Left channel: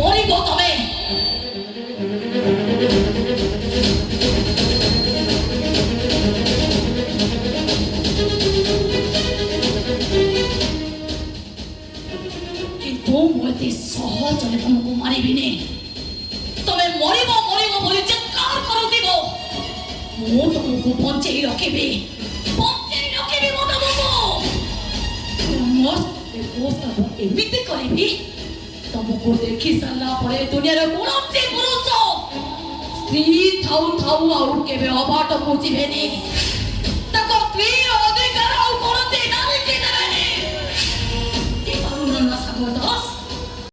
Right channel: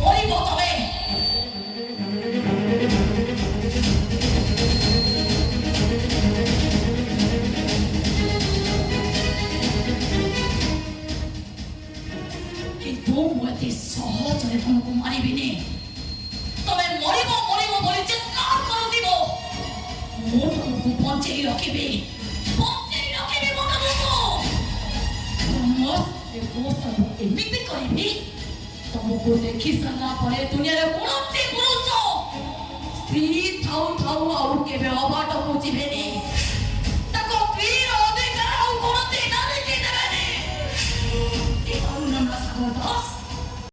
মরিব তবে কিন্তু মতে সহজরে তোমাকে মারিবিনি তবে মরিব মরিব বলি চিৎকার করে দিব ମୁଁ ତମକୁ ବଞ୍ଚେଇ ରଖିବି ମୁଁ ତମକୁ ଏମିତି କରିବି ତମକୁ ଦେଖି ସାରିଲା ପରେ ଦୁନିଆରେ କୌଣସି ପୁରୁଷ ସ୍ତ୍ରୀ ଥାଉ ଥାଉ ଆଉ କେବେ ଅବାଟକୁ ଯିବେନି।